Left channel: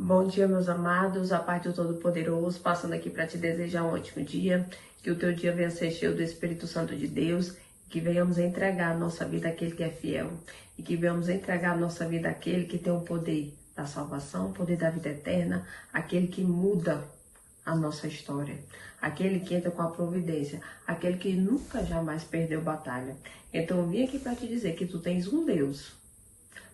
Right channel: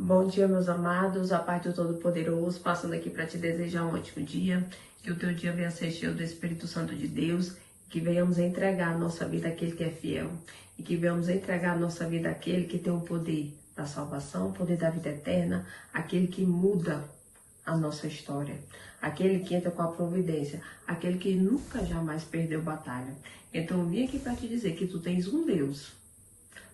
Bom dia, meus amados, a paz do Todo-Poderoso, passando aqui para te desejar um ótimo dia, que o teu dia venha ser cheio do Espírito Santo de Deus, que venhamos entregar a nossa vida àquele que é fiel, e que venhamos entregar a nossa vida àquele que tem o poder da salvação, o poder da vida eterna, aquele que muda a nossa história, aquele que entra com a providência, aquele que nunca jamais perdeu batalha. Então eu vim aqui para te dizer que tu tens um Deus.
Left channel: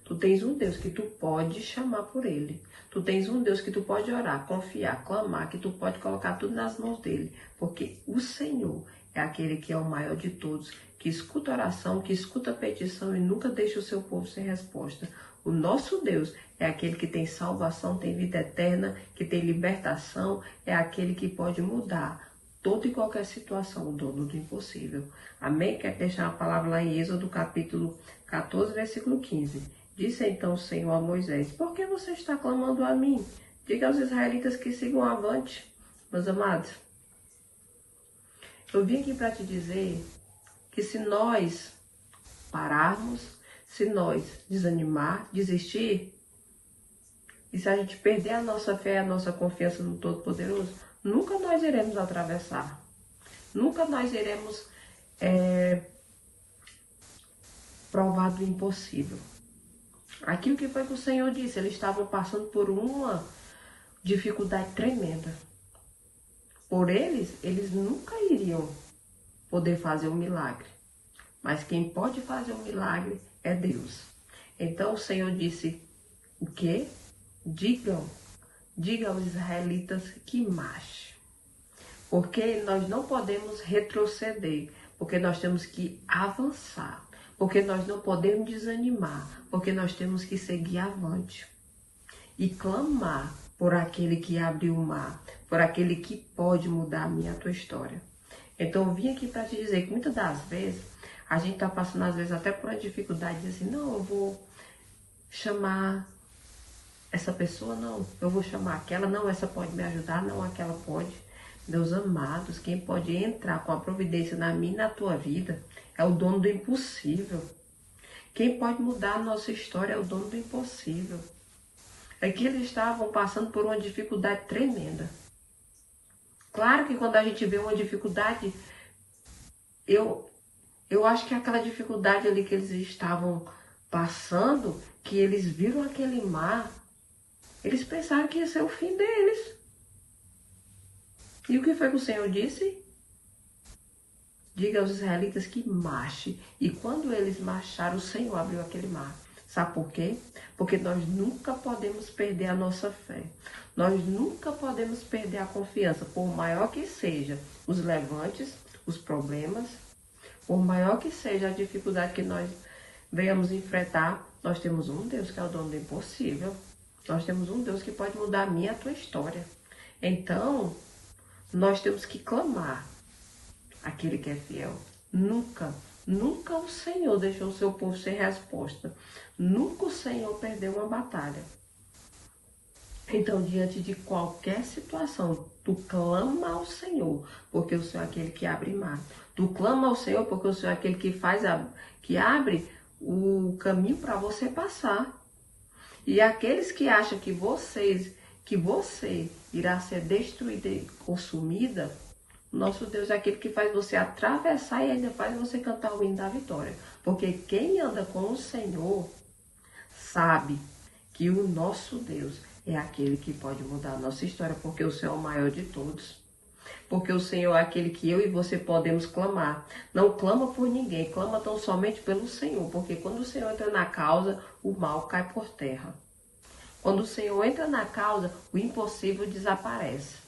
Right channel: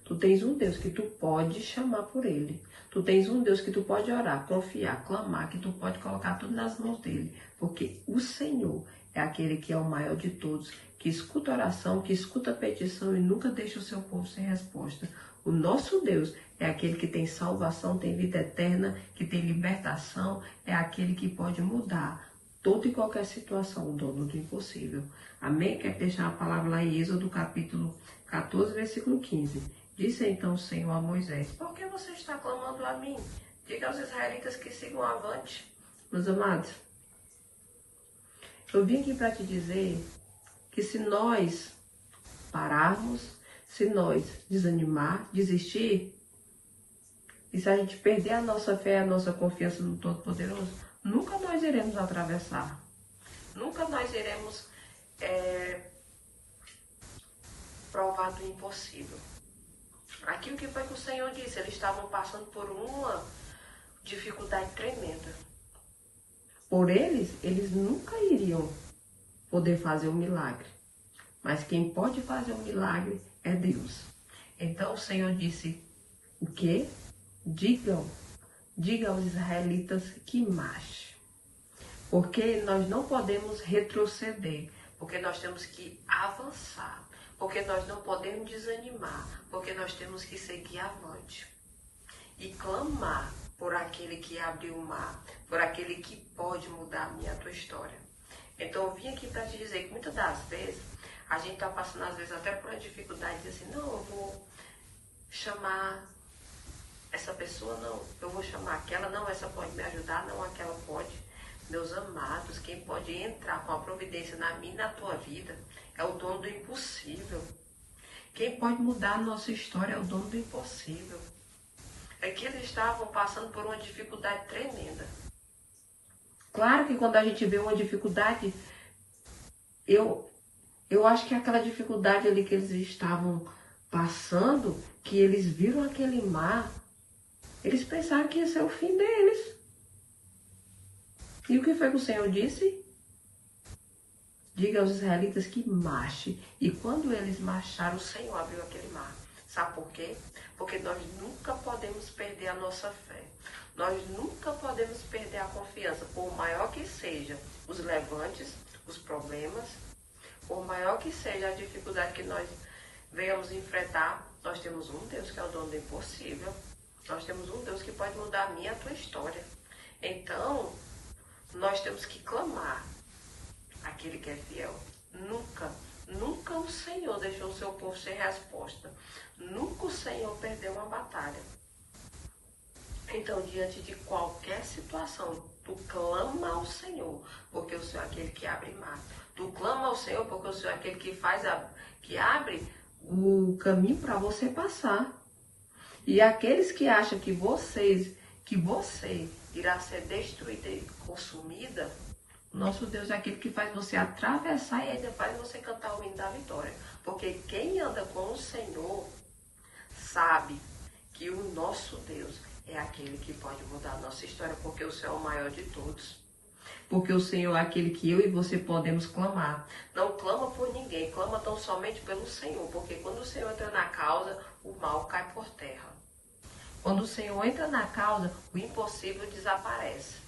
Tu tens um Deus que tu pode chamar por ele. Tu tens um Deus que tu pode orar, confiar, clamar, que tu pode colocar tudo nas mãos dele. Porque o Senhor é aquele que é o maior de todos, que escuta oração, que escuta petição e nunca deixa o seu povo sem resposta. O nosso Deus é aquele que tem salvação, tem vida eterna, que tem libertação, é aquele que pode mudar toda e qualquer situação, o dono do impossível. Amém? Quero deixar a palavra lá em Êxodo, capítulo 14, versículo 15. Disse então o Senhor a Moisés: por que você está clamando a mim? Diga aos israelitas que sigam avante. Meus amados, eu vim aqui para te dizer que se nós pararmos, se nós desanimar, desistir, e se a gente perder a nossa fé, a nossa confiança no Todo-Poderoso, nunca mais iremos atravessar. Nunca mais iremos provar do impossível. Aquilo que foi que o Senhor disse, eles estavam passando por uma dificuldade tremenda. Por eles nunca iriam poder fazer um milagre. Mas quem pode fazer um milagre é Deus. Então o Senhor disse, o quê? Diga aos israelitas que marche. Porque nós não podemos retroceder, porque nós temos que avançar, porque nós não podemos desanimar, porque nós temos que seguir avante e clamar por aquele que abriu o mar, por aquele que pode mudar a minha e a tua história. Então eu vim aqui para te dizer que muitas das vezes a gente está passando às vezes até por uma dificuldade de dizer, não, eu vou chamar essa pessoa, não, eu vou chamar aquela, não, essa pode me ajudar, não, aquela pode. Meus amados, quem pode entrar com a providência na minha e na tua vida é o dono do impossível. Quem pode mudar a nossa história é o dono do impossível. É que eles estavam passando por uma dificuldade tremenda. Claro que quando a gente vê uma dificuldade, eu acho que aquela dificuldade ali que eles estavam passando, que eles viram aquele mar, eles pensaram que ia ser o fim deles. E o que foi que o Senhor disse? Diga aos israelitas que marche. E quando eles marcharam, o Senhor abriu aquele mar. Sabe por quê? Porque nós nunca podemos perder a nossa fé. Nós nunca podemos perder a confiança, por maior que seja os levantes, os problemas, por maior que seja a dificuldade que nós venhamos enfrentar, nós temos um Deus que é o dono do impossível. Nós temos um Deus que pode mudar a minha e a tua história. Então, nós temos que clamar aquele que é fiel. Nunca o Senhor deixou o seu povo sem resposta. Nunca o Senhor perdeu uma batalha. Então, diante de qualquer situação, tu clama ao Senhor, porque o Senhor é aquele que abre mar. Tu clama ao Senhor, porque o Senhor é aquele que abre o caminho para você passar. E aqueles que acham que você irá ser destruída e consumida, nosso Deus é aquele que faz você atravessar e ainda faz você cantar o hino da vitória. Porque quem anda com o Senhor sabe que o nosso Deus é aquele que pode mudar a nossa história, porque o Senhor é o maior de todos. Porque o Senhor é aquele que eu e você podemos clamar. Não clama por ninguém, clama tão somente pelo Senhor. Porque quando o Senhor entra na causa, o mal cai por terra. Quando o Senhor entra na causa, o impossível desaparece.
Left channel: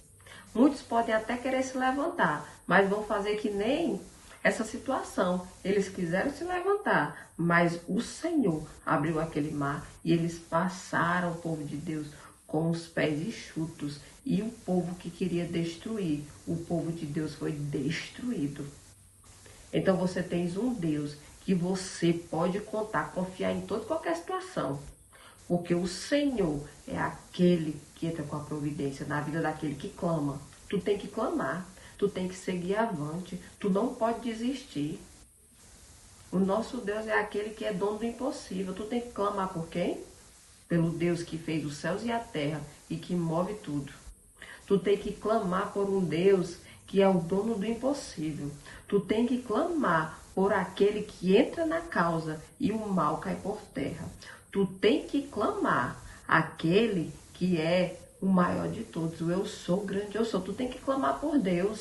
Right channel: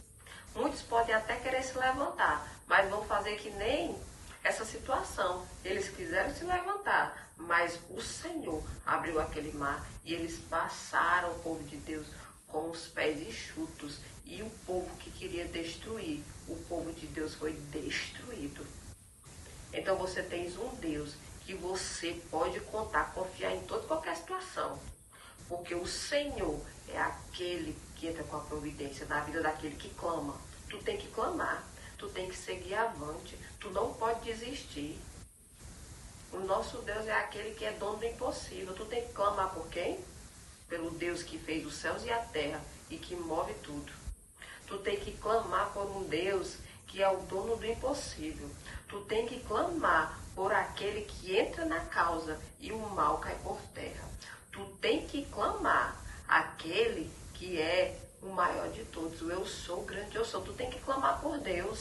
Muitos podem até querer se levantar, mas vão fazer que nem essa situação. Eles quiseram se levantar, mas o Senhor abriu aquele mar e eles passaram, o povo de Deus, com os pés enxutos. E o povo que queria destruir, o povo de Deus foi destruído. Então você tens um Deus que você pode contar, confiar em toda qualquer situação. Porque o Senhor é aquele que entra com a providência na vida daquele que clama. Tu tem que clamar, tu tem que seguir avante, tu não pode desistir. O nosso Deus é aquele que é dono do impossível. Tu tem que clamar por quem? pelo Deus que fez os céus e a terra e que move tudo. Tu tem que clamar por um Deus que é o dono do impossível. Tu tem que clamar por aquele que entra na causa e o mal cai por terra. Tu tem que clamar aquele que é o maior de todos. O eu sou, o grande eu sou. Tu tem que clamar por Deus.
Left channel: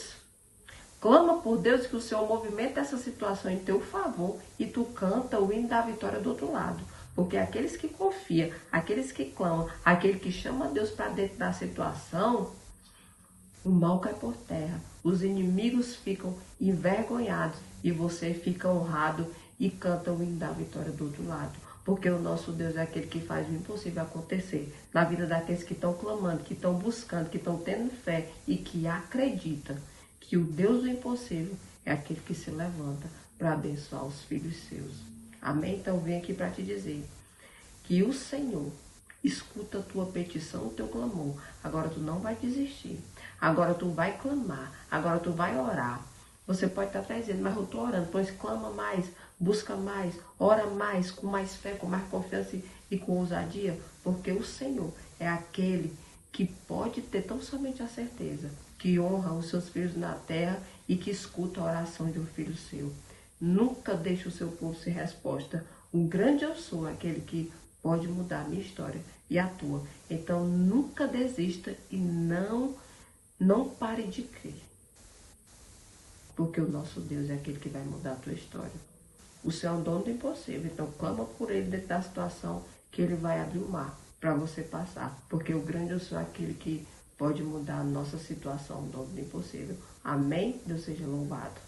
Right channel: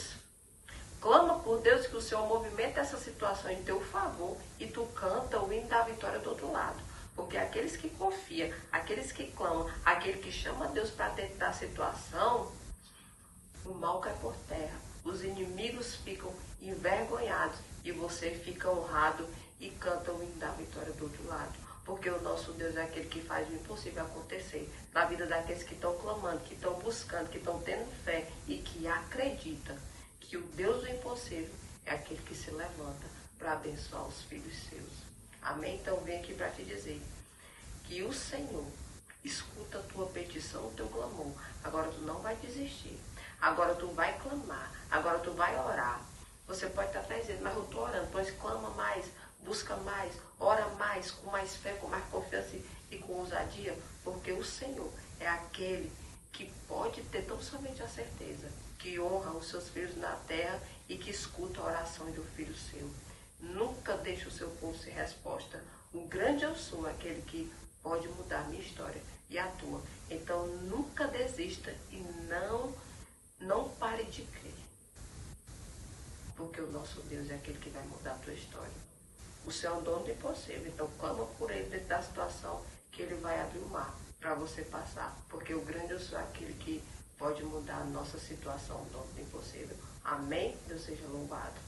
Clama por Deus que o Senhor movimenta essa situação em teu favor e tu canta o hino da vitória do outro lado. Porque aqueles que confiam, aqueles que clamam, aquele que chama Deus para dentro da situação, o mal cai por terra. Os inimigos ficam envergonhados e você fica honrado e canta o hino da vitória do outro lado. Porque o nosso Deus é aquele que faz o impossível acontecer na vida daqueles que estão clamando, que estão buscando, que estão tendo fé e que acreditam que o Deus do impossível é aquele que se levanta para abençoar os filhos seus. Amém? Então vem aqui para te dizer que o Senhor escuta a tua petição, o teu clamor. Agora tu não vai desistir. Agora tu vai clamar. Agora tu vai orar. Você pode estar até dizendo, mas eu estou orando. Pois clama mais, busca mais, ora mais, com mais fé, com mais confiança e com ousadia. Porque o Senhor é aquele que pode ter tão somente a certeza que honra os seus filhos na terra e que escuta a oração de um filho seu. Nunca deixe o seu povo sem resposta. O grande eu sou, aquele que pode mudar a minha história e a tua. Então nunca desista e não pare de crer. Porque o nosso Deus é aquele que vai mudar a tua história. O Senhor é o dono do impossível. Então clama por ele dentro da situação que ele vai abrir o mar para você passar. Porque o grande eu sou aquele que pode mudar a nossa situação, o dono do impossível. Amém? Deus seja louvado.